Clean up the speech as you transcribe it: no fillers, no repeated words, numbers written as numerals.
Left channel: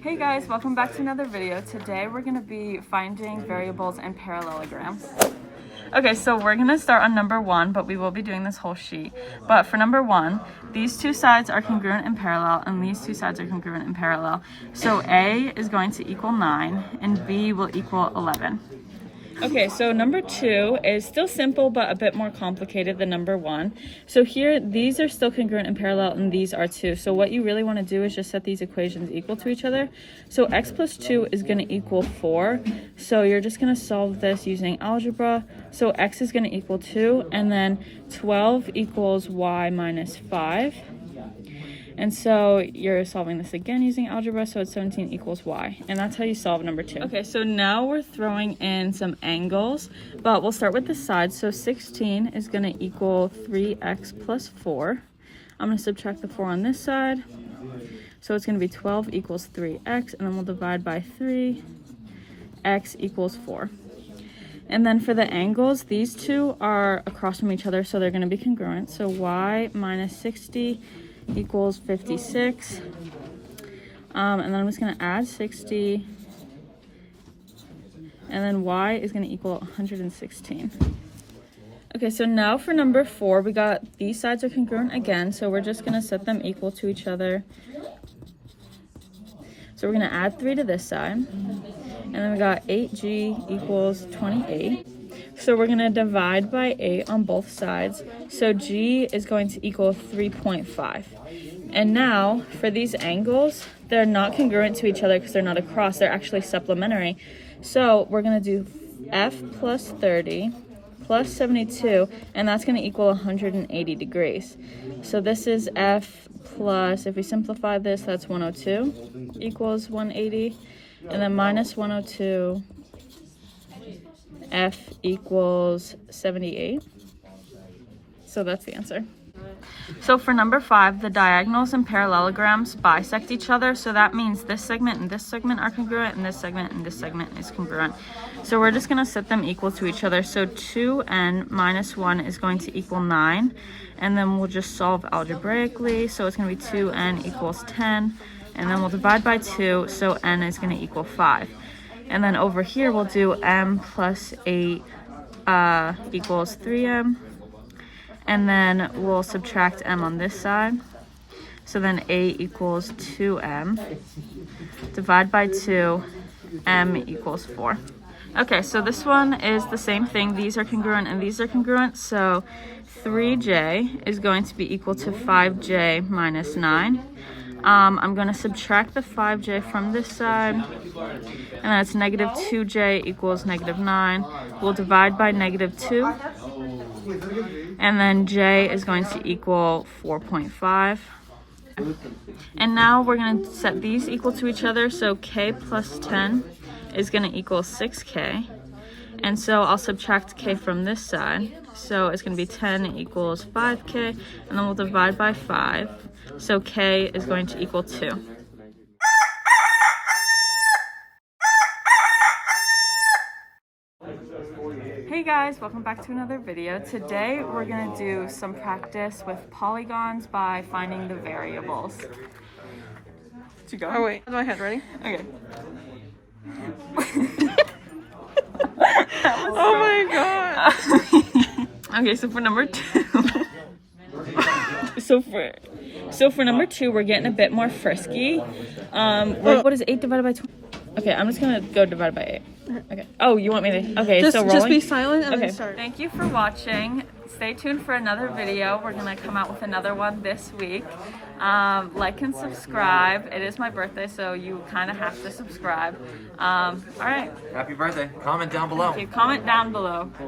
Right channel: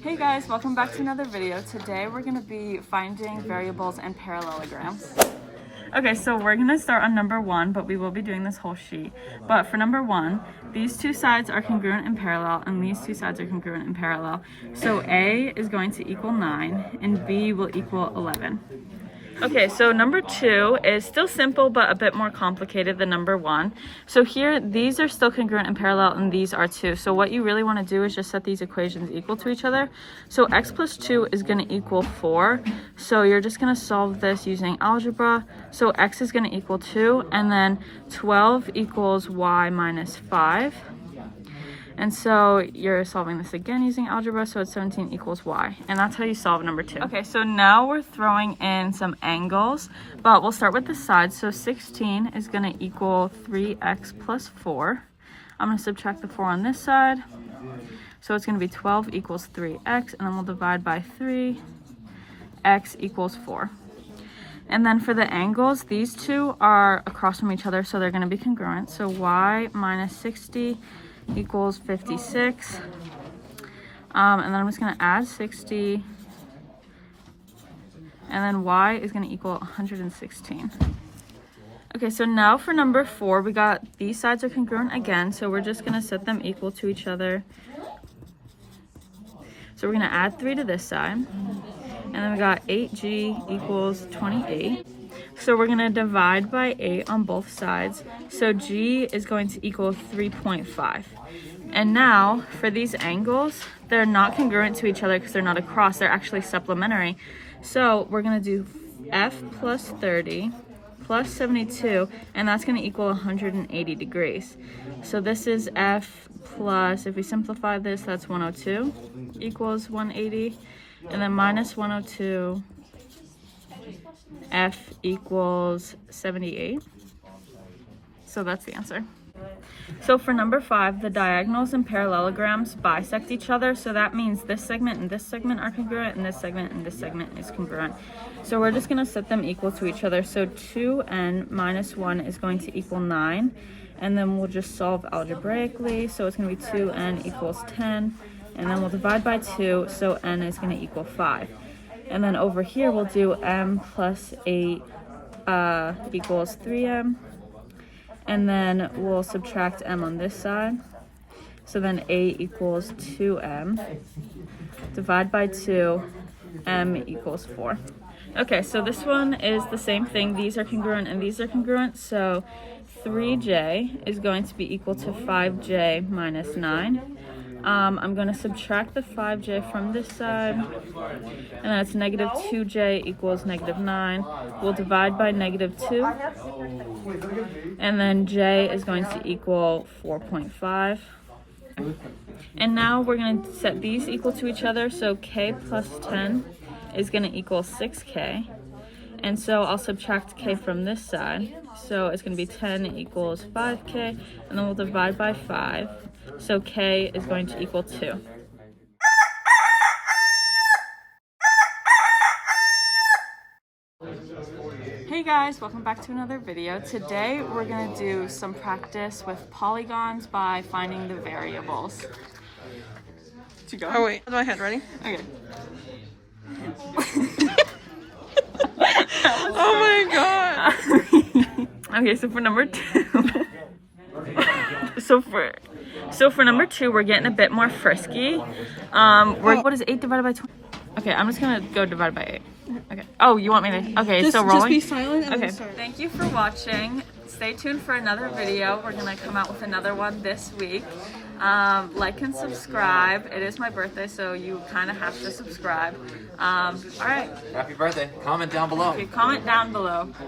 Hey guys, welcome back to another video. Today we're going to be finding variables and parallelograms. Okay, so we're going to start on number 1, but we will be doing this whole sheet. But for number 1, these two sides are congruent and parallel, and these two sides are congruent and parallel. So A is going to equal 9, and B will equal 11. Okay, so number 2 is still simple, but a bit more complicated than number 1. So here, these are still congruent and parallel, and these are too. So what you really want to do is just set these equations equal to each other. So x plus 2 is going to equal 4. So you're just going to solve this using algebra. So x is going to equal 2, and then 12 equals y minus 5. And so you're solving this again using algebra, so it's 17 equals y. And that's how you solve number 2. Okay, so now we're throwing in some angles, but we'll start with the sides. So 16 is going to equal 3x plus 4. I'm going to subtract the 4 on this side. So it's going to be 12 equals 3x, and then we'll divide by 3. X equals 4. And then for the angles, these two are across from each other, so they're going to be congruent. So y minus 60 equals 56, and then I'm just going to add 60, and then y is going to equal 116. Okay, so now for number 4, we got these sides are congruent again, so we're just going to set them equal to each other. So we're going to add 3 to this side, and then we got 8g equals 28. So we're going to divide by 8 on both sides. So g is going to equal 3.5. And now for these angles, they're not congruent to each other because they're not across. They're actually supplementary. So we're going to do f plus 30 plus 72, and that's going to equal 180 degrees. So this is f plus, if we simplify this, that's 102 equals 180. And then minus 102, f equals 78. So that's the answer. So for number 5, the diagonals and parallelograms bisect each other. So that means this segment and this segment are congruent, and this segment and this segment is congruent. So we're just going to set them equal to each other. So 2n minus 1 is going to equal 9. And then we'll just solve algebraically. So it's going to be 2n equals 10. And then we'll divide by 2. So n is going to equal 5. And then over here, we'll do m plus 8 equals 3m. And then we'll subtract m on this side. So then a equals 2m. Divide by 2, m equals 4. Okay, so this one is the same thing. These are congruent and these are congruent. So 3j is going to be equal to 5j minus 9. I'm going to subtract the 5j from this side, and then it's negative 2j equals negative 9. We'll divide by negative 2, and then j is going to equal 4.5. And now we're going to set these equal to each other, so k plus 10 is going to equal 6k. And so I'll subtract k from this side, so it's going to be 10 equals 5k, and then we'll divide by 5. So k is going to equal 2. Hey guys, welcome back to another video. Today we're going to do some practice with polygons by finding the variables. To go. Oh wait, my hand ready? Okay. Oh my god. Okay, so for number 2. So for number 2, we're getting a bit more frisky. What is 8 divided by 20? Okay, I'm just gonna go divide by 8. Okay. Oh, you want me to? Okay, so rolling. Just be silent and okay. then start. Thank you for watching. Stay tuned for another video. We're gonna come out with another one this week. Like and subscribe. It is my birthday, so you kind of have to subscribe. All right. Happy birthday. Comment down below. Okay, comment down below.